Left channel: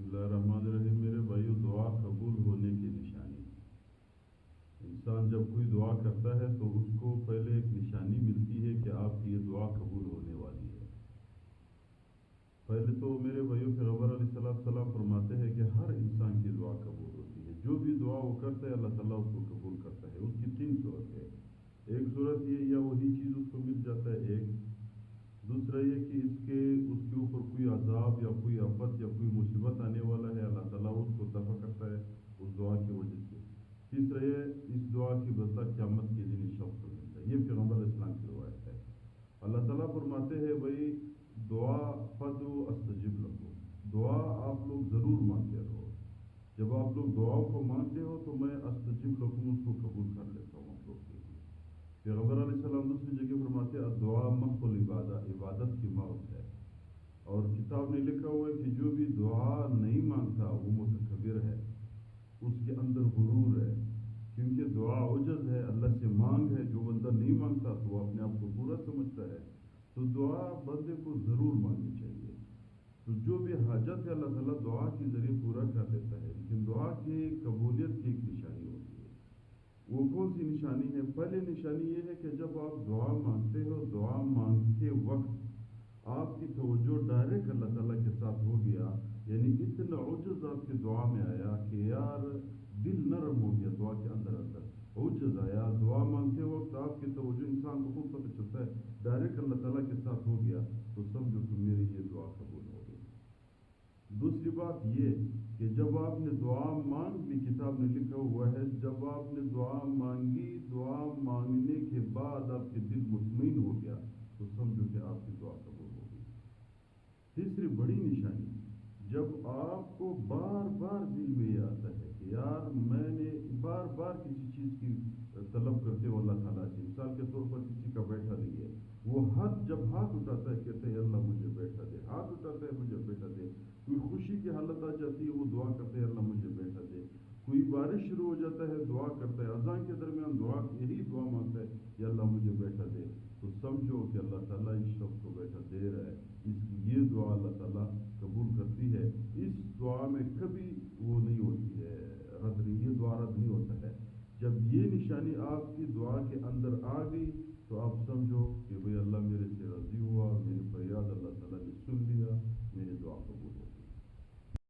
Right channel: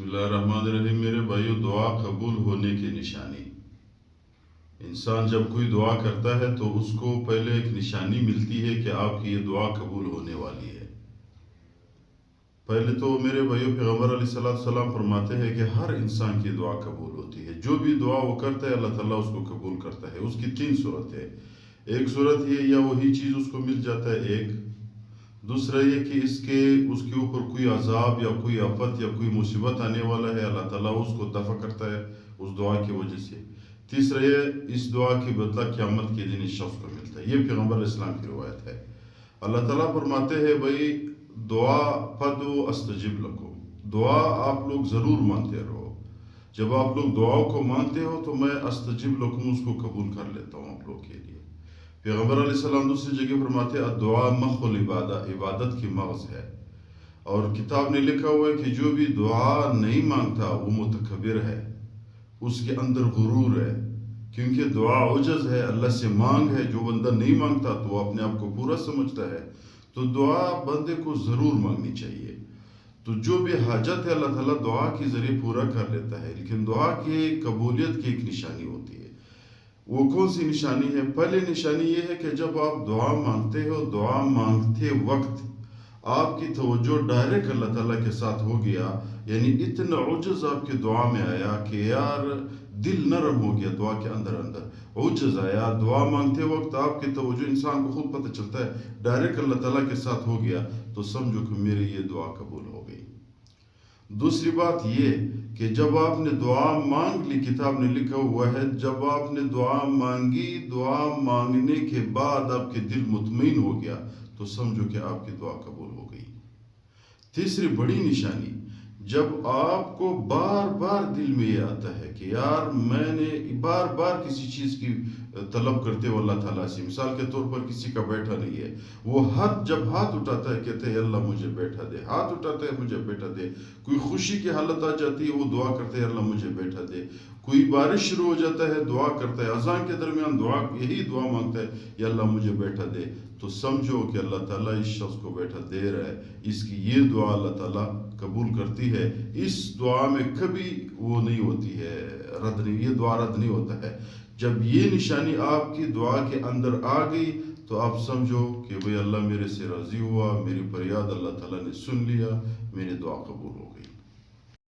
بسم اللہ الرحمن الرحیم. میرے بھائیو، دعا قبول ہونے کی نشانی. انسان جب کوئی دعا کرتا ہے تو اس کو پہلے ایک نشانی ملتی ہے کہ آپ کی یہ دعا قبول ہونے والی ہے. پہلے تو میرے بھائیو پیغمبر علیہ السلام فرماتے ہیں کہ ہر انسان کی دعا قبول ہوتی ہے. جو بھی دعا وہ کرتا ہے اللہ تعالیٰ اس کو قبول کرتا ہے. اس کی 3 صورت ہے. ایک صورت یہ یا وہی چیز اس کو مل جاتا ہے. ایک دوسرا یہ کہ اس کے اوپر کوئی عذاب یا کوئی آفت یا کوئی مصیبت آنے والا ہے، اللہ تعالیٰ اس کو دفع کرتا ہے اس دعا کی وجہ سے. تیسرا یہ اس دعا کی بدلہ قیامت کے دن اس شخص کو ملتا ہے. یہ پیغمبر علیہ السلام کی روایت ہے. اللہ تعالیٰ فرماتے ہیں بھائی دعا فدعوا استجب لکم، دعا آپ لوگ ضرور مانتے رہو. جب آپ لوگ دعاؤں کو مانتے ہو تو میں استجب لکم اس کو قبول کر لیتا ہوں آپ لوگ کے لیے. پیغمبر علیہ السلام دوسری جگہ فرماتے ہیں الدعاء مخ العبادہ، عبادت کی مغز ہے. اور کتاب نے لکھا ہوا ہے کہ جو بھی دعا نہیں مانگتا وہ متکبر ہے، اس کے اندر غرور ہے. کیونکہ دعا عجز ہے، اللہ سے مانگ ہے. جو بندہ نہیں مانگتا تو وہ اپنے آپ کو پورا سمجھتا ہے. تو دعا بندے کو ضرور مانگنی چاہیے. تو جو بھی حاجت ہے اللہ تعالیٰ دعا کے ذریعے پورا کر لیتا ہے. لیکن دعا کی قبولیت کی ایک نشانی ہوتی ہے. وہ کون سی نشانی ہے؟ پہلی نشانی یہ ہے کہ جب آپ دعا مانگتے ہو، دعا مانگتے وقت آپ کی توجہ ڈائریکٹ اللہ تعالیٰ کے ساتھ ہو گیا. یعنی اتنا عجز آپ کی دعا میں آیا کہ یار دل نرم ہو گیا. دعا کے اندر عجز آیا. دعا مانگتے وقت آپ کی توجہ انسان کو خود پتہ چلتا ہے ڈائریکٹ اللہ تعالیٰ کے ساتھ ہو گیا، تو سمجھو کہ میری یہ دعا قبول ہو گئی. دوسری بات یہ کہ جب آپ نے دعا مانگ لی، کتاب نے لکھا ہوا ہے جب آپ نے دعا مانگی، دعا مانگنے کے بعد آپ کے دل مطمئن ہو گیا تو سمجھو کہ آپ کی دعا قبول ہو گئی. تیسری بڑی نشانی، جب آپ کو بار بار دل میں یہ آتا ہے کہ یار میں نے بار بار کسی چیز کی طلب کرتے ہو اللہ تعالیٰ سے. مثال کے طور پر کسی کا بیٹھا نہیں ہے، وہ جب ہاتھ اٹھاتا ہے کہتے ہیں اللہ مجھے بیٹھا دے. ہاتھ اٹھاتا ہے مجھے بیٹھا دے. کوئی خوشی کی حالت آ جاتی ہے وہ دعا کرتے ہیں اللہ مجھے بیٹھا دے. کوئی بارش شروع ہو جاتا ہے دعا کرتا ہے. اذان کے درمیان یہی دعا مانگتا ہے یا اللہ مجھے بیٹھا دے. تو سمجھو کہ اللہ تعالیٰ اس شخص کو بیٹھا دے رہا ہے. اس کی یہ دعا اللہ تعالیٰ قبول کرتی ہے. اس دعا میں کبھی وہ نہیں ہوتی ہے رد نہیں، یہ دعا رد نہیں ہوتا ہے. جب یہ نشانی آپ کی دعا کے اندر آ گئی تو آپ سمجھو کہ بھئی اللہ میرے سے راضی ہوا، میری فریاد اللہ تعالیٰ نے سن لیا، میری دعا قبول ہو.